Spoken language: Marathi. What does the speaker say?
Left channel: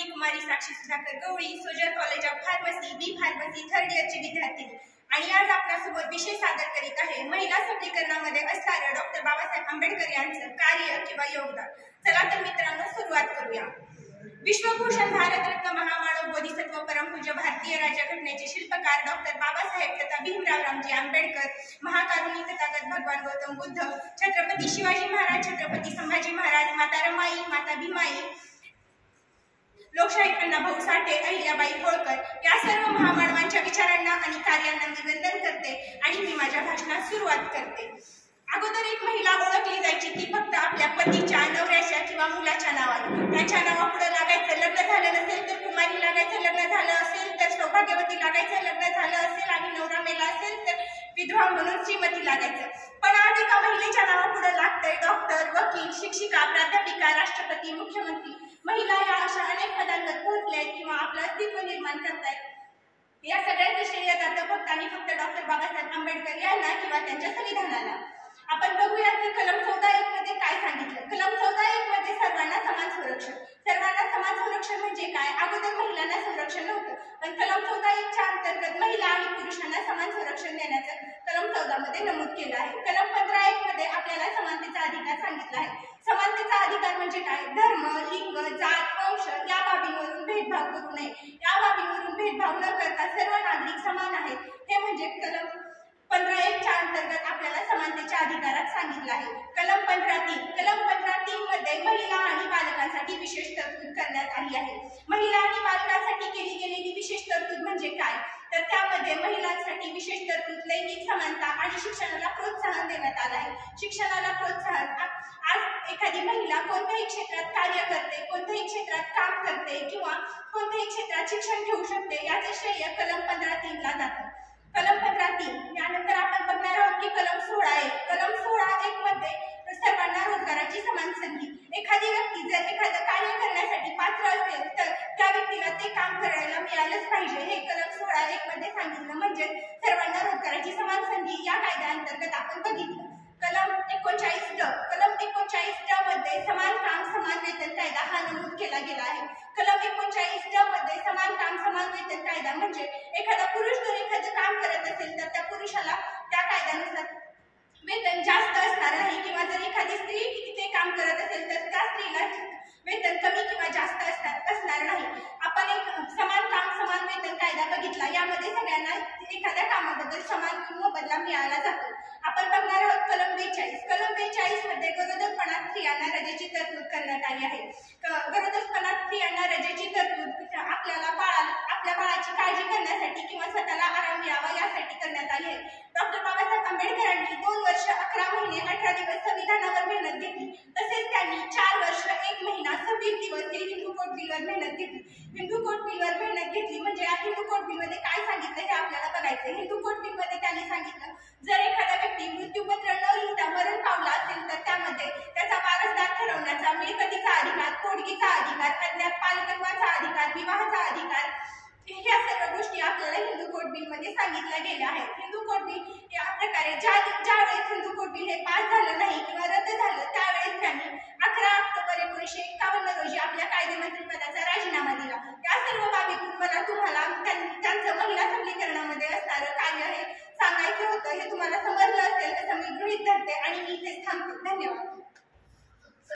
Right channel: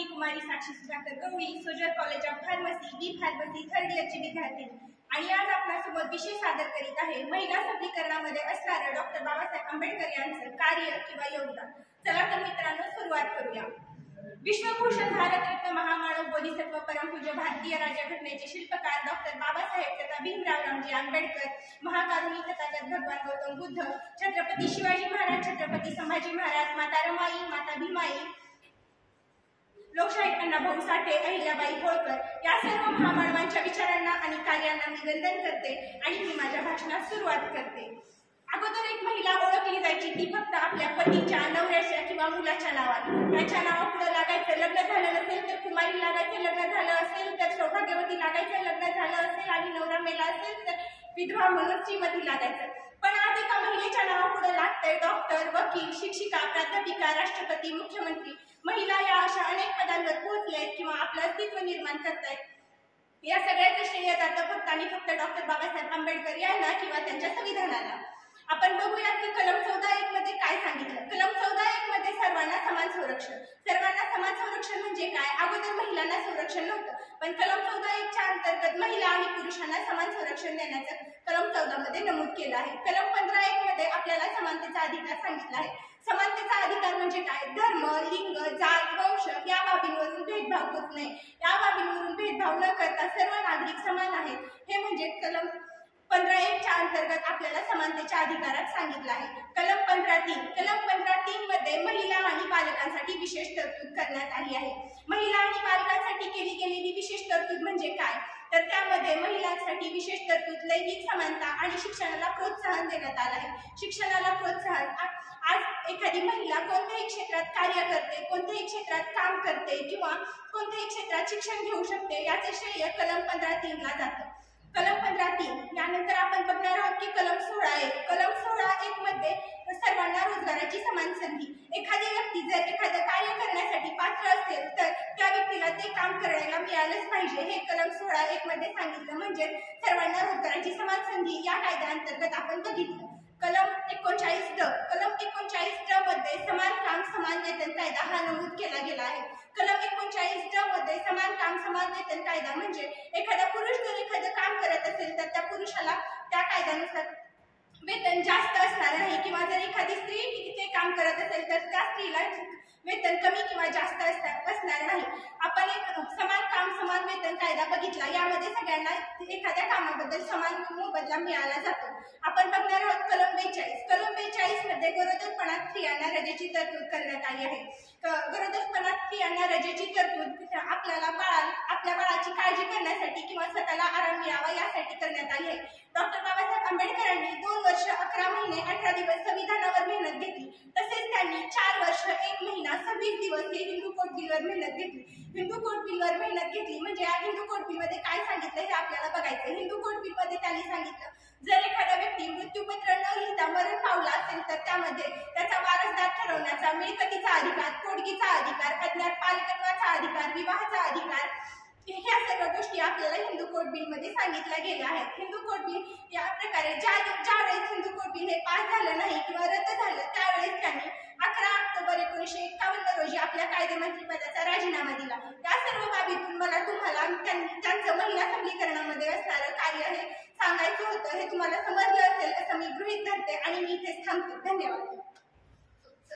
Me Kumari Sakshi Sudhakar Gawali, Sojar college of pharmacy, B pharmacy third इयरची विद्यार्थिनी आणि आज आपल्यासमोर विषय सादर करीत आहे महिला सबलीकरणामध्ये असणाऱ्या डॉक्टर बाबासाहेब आंबेडकर यांचं कार्य किंवा योगदान। चला तर मित्रांनो सुरुवात करूया। विश्वभूषण भारतरत्न महामानव बोधिसत्व परमपूज्य भारतीय राज्यघटनेचे शिल्पकार डॉक्टर बाबासाहेब तथा भीमराव रामजी आंबेडकर, महाकारुणी तथागत भगवान गौतम बुद्ध, छत्रपती शिवाजी महाराज, छत्रपती संभाजी महाराज, माता रमाई, माता भीमाई, लोकशाहीर अण्णाभाऊ साठे, अहिल्याबाई होळकर या सर्व महामानवांच्या विचारांना आणि कार्यांना मी वंदन करते आणि मी माझ्या भाषणात सुरुवात करते। अगोदर एक महिला ओळखली जायची ती फक्त आपल्या पतीच्या, नवऱ्याच्या किंवा मुलाच्या नावाने। त्याच्या नावापुढे लागायचं, लग्न झालं नसेल तर कुमारी लागायचं, लग्न झालं असेल तर सौभाग्यवती लागायचं, लग्न झालं असेल आणि नवरा मेला असेल तर विधवा म्हणून श्रीमती लागायचं। पण आज एका महिलेच्या नावापुढे लागतंय डॉक्टर, वकील, शिक्षिका, प्राध्यापिका, राष्ट्रपती, मुख्यमंत्री। महिला या अशा अनेक पदांवर पोहोचल्यात किंवा आपलं अस्तित्व निर्माण करतायत। या सगळ्याचं श्रेय जातं फक्त आणि फक्त डॉक्टर बाबासाहेब आंबेडकर यांना किंवा त्यांच्या संविधानाला। आपण बघूया की कलम 14(1) मध्ये काय सांगितलं। कलम 14(1) मध्ये सर्वांना समान संरक्षण। सर्वांना समान संरक्षण म्हणजे काय? अगोदर महिलांना संरक्षण नव्हतं, पण कलम 14(1) च्या अंतर्गत महिला आणि पुरुषांना समान संरक्षण देण्याचं कलम 14 मध्ये नमूद केलं आहे। कलम 15(1) मध्ये आपल्याला समानतेचा अधिकार सांगितला आहे। समानतेचा अधिकार म्हणजे काय? धर्म, लिंग, जात, वंश या बाबींवरून भेदभाव करू नये। या बाबींवरून भेदभाव न करता सर्व नागरिक समान आहेत, हे म्हणजे कलम 15(1) च्या अंतर्गत आपल्याला समानतेच्या अधिकारात सांगितलं आहे। कलम 15(3) कलम 15(3) मध्ये महिला आणि बालकांसाठी विशेष तरतूद करण्यात आली आहे। महिला आणि बालकांसाठी केली गेलेली विशेष तरतूद म्हणजे काय? तर त्यामध्ये महिलांसाठी विशेष तरतूद, लैंगिक समानता आणि शिक्षणाला प्रोत्साहन देण्यात आलं आहे। शिक्षणाला प्रोत्साहन, आज एखादी महिला कोणत्याही क्षेत्रात कार्य करते, कोणत्याही क्षेत्रात काम करते किंवा कोणत्याही क्षेत्रात शिक्षण घेऊ शकते, याचे श्रेय कलम 15(3) ला जातं। कलम 15(3) यानंतर आपण बघणार आहोत की कलम 16(1). कलम 16(1) मध्ये सर्वांना रोजगाराची समान संधी। एखादी व्यक्ती जर एखादं कार्य करण्यासाठी पात्र असेल तर त्या व्यक्तीला ते काम करायला मिळालंच पाहिजे, हे कलम 16(1) मध्ये सांगितलं। म्हणजे सर्वांना रोजगाराची समान संधी या कायद्याअंतर्गत आपण बघितलं। कलम 39(ड). कलम 39(ड) मध्ये समान काम समान वेतन कायदा हा नमूद केला गेला आहे। कलम 39(ड) मध्ये समान काम समान वेतन कायदा म्हणजे एखादा पुरुष जर एखादं काम करत असेल तर त्या पुरुषाला त्या कायद्यानुसार वेतन जास्त असणार नाही, किंवा जर एखादी स्त्री तिथे काम करत असेल तर त्या स्त्रीला वेतन कमी किंवा जास्त असणार नाही। आपण एक समान काम समान वेतन कायदा बघितला, यामध्ये सगळ्यांना एखाद्या कामाबद्दल समान मोबदला मिळाला जातो। आपण बघणार आहोत कलम 42। कलम 42 मध्ये गरोदरपणात स्त्रियांना रजेची तरतूद करण्यात आली आहे। गरोदरपणात स्त्रियांना रजेची तरतूद आपल्या बाळाची काळजी करण्यासाठी किंवा स्वतःला आराम मिळावा यासाठी करण्यात आली आहे। डॉक्टर बाबासाहेब आंबेडकरांनी 2 वर्ष 11 महिने 18 दिवस संविधानावर मेहनत घेतली, तसेच त्यांनी 4 वर्ष 1 महिना 26 दिवस हे हिंदू कोड बिलवर मेहनत घेतली। हिंदू कोड बिलवर मेहनत घेतली म्हणजे या हिंदू कोड बिल मध्ये काय सांगितलं हे आपल्याला बघायचं। हिंदू कोड बिल मध्ये त्यांनी सांगितलं, जर एखादा व्यक्ती मृत्यूपत्र न लिहिता मरण पावला असेल तर त्यामध्ये त्याचा वारसदार ठरवण्याचा, मिळकतीचा अधिकार, पोटगीचा अधिकार, अज्ञात पालकत्वाचा अधिकार, विवाहाचा अधिकार, ह्या सर्व गोष्टी आपल्याला हिंदू कोड बिल मध्ये सांगितल्या गेल्या आहेत। हिंदू कोड बिल या प्रकारे ज्या वेळेस हिंदू कोड बिल हे पास झालं नाही किंवा रद्द झालं त्यावेळेस त्यांनी 11 ऑक्टोबर 1951 रोजी आपल्या कायदेमंत्रीपदाचा राजीनामा दिला। या सर्व बाबीतून तुम्हाला त्यांचं महिला सबलीकरणामध्ये असणारं कार्य हे सांगायचं होतं। हे तुम्हाला समजलं असेल असं मी गृहीत धरते आणि मी इथेच थांबते। धन्यवाद।